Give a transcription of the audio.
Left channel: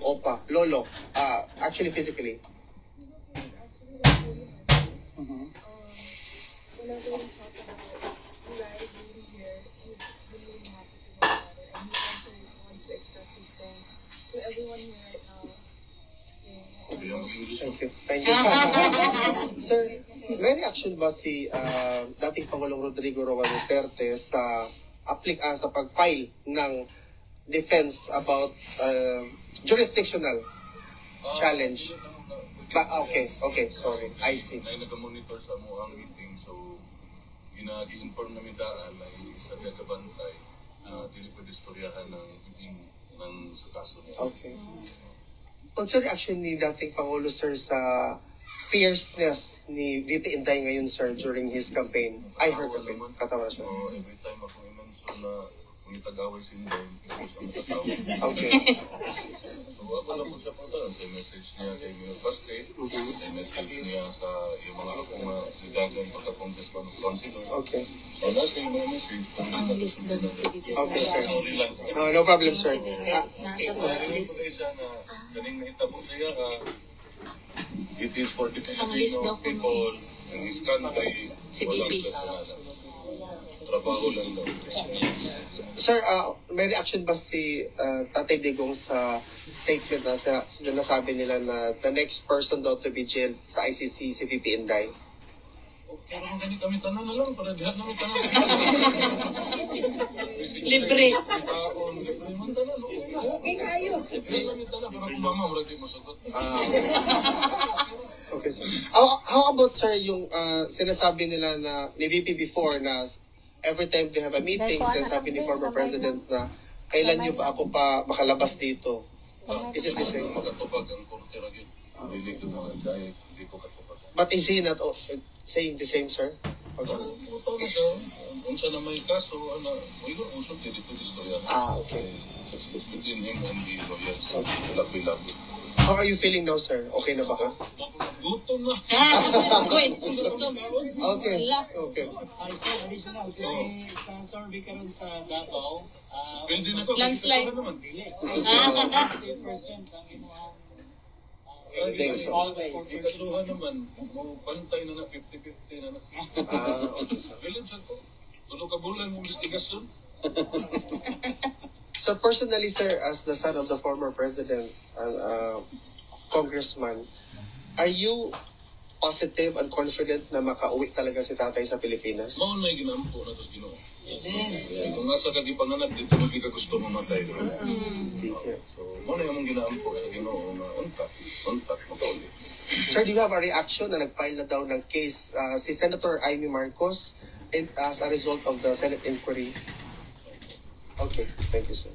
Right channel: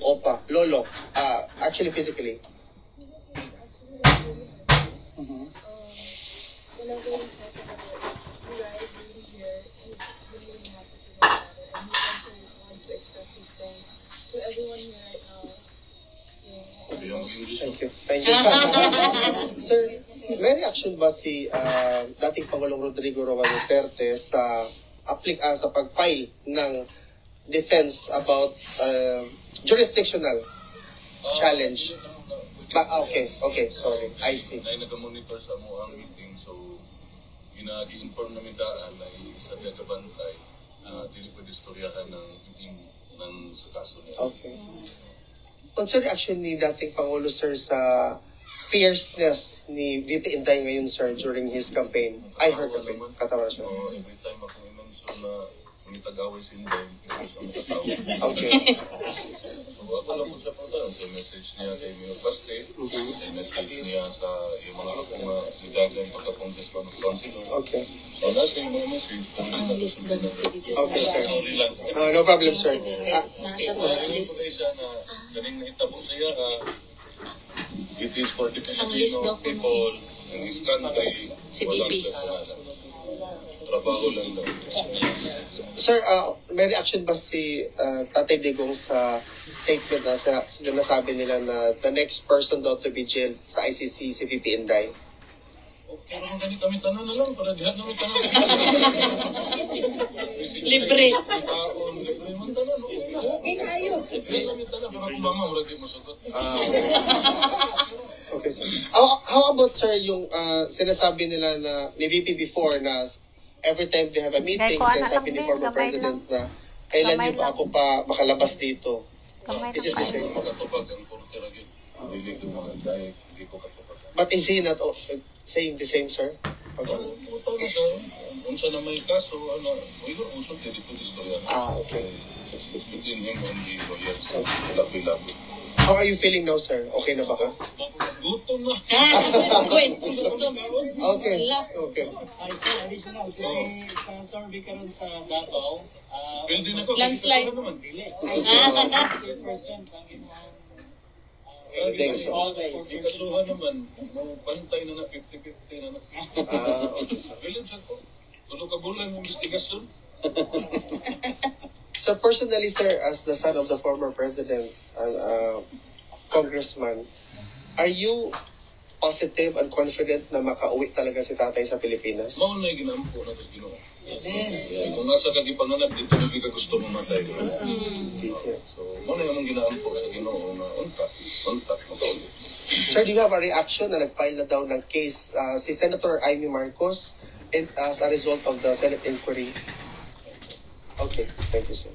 Opa, Lolo, actually physically? Whenever we talk about you guys being here, he's really happy to know about it. And he also wants to express his thanks to everyone here right now. Thank you. Thank you. Sir, may reaction ba si dating Pangulong Rodrigo Roa Duterte sa sa pag-file ng defense about jurisdictional challenge? Okay, sorry. I see. Na nag-monitor sa mo ang meeting, so ginagi-inform namin daan na isa niya kabantay na dili ko distoryahan ng meeting ng sa kaso niya. Okay. What's your reaction ni dating Pangulo, sir, sa fierceness ni VP Inday ngayon, sir, during his campaign? I heard campaign. Katawa siya. Every time ako i-mention na Tagaway si Inday, okay. So ako lang po siya po doon sa message niya kay Mayor Baste, sa message niya sa yung mga akong sidagan pagka-congressman of councilor. Okay. So nasa yung mga message, kung hindi na okay, sir. Sorry lang. No problem, sir. Nasa sa list. Na kaning nahitabo siya, it is for the Filipino people in his country. Si Bibi. Trabaho lang daw. Sir, may reaction ba si Tatay Digong sa statement na sinasabi nila na the next person daw to be jailed sa ICC si VP Inday? Pero kung ganit kami tanan na lang, para dihat namin tanan. Libre. Libre man tanan. Okay kayo. Libre namin tanan, para kung mama, wala di masagot. Okay, sir. How about, sir, yung sinasabi nila na ni VP before na every time they have a meeting, sinasabi ni former president na kailan niyo pa ako pa makalabas dito? Is it the same? Makatupag ang korte ragil. Hindi ko mga dahil, hindi ko katupag. But is he not saying the same, sir? Okay. Ito na siya, kung siya na may kaso, mayroon usap dito istorya. Okay. It's between him and the lawyers. Labi-labi. How are you feeling now, sir? Okay na ba ka? Gutom na. Wait, gutom. Okay. Okay. Additional, kasi sponsor di ka rin sa Davao. Pwede na to. Landslide. Dili. 50% ang inuhang always. Ikasuhan naman, pantay na na, 50-50 na na. Okay, sir. Bilin siya ko. Tulo ka bulan ng investigasyon. So personally, sir, as the son of the former president and congressman, are you positive and confident na makauwi talaga si tatay sa Pilipinas? Mao na ginampo na ito Ginoo. Kung nasa kagipanganap, dito hindi ka gusto mamatay. So, mao na yung ginampo sa Ginoo na untak, makauwi. Sir, do you have a reaction na nag-file na daw ng case si Senator Amy Marcos as a result of the Senate inquiry? Okay, thank you, sir.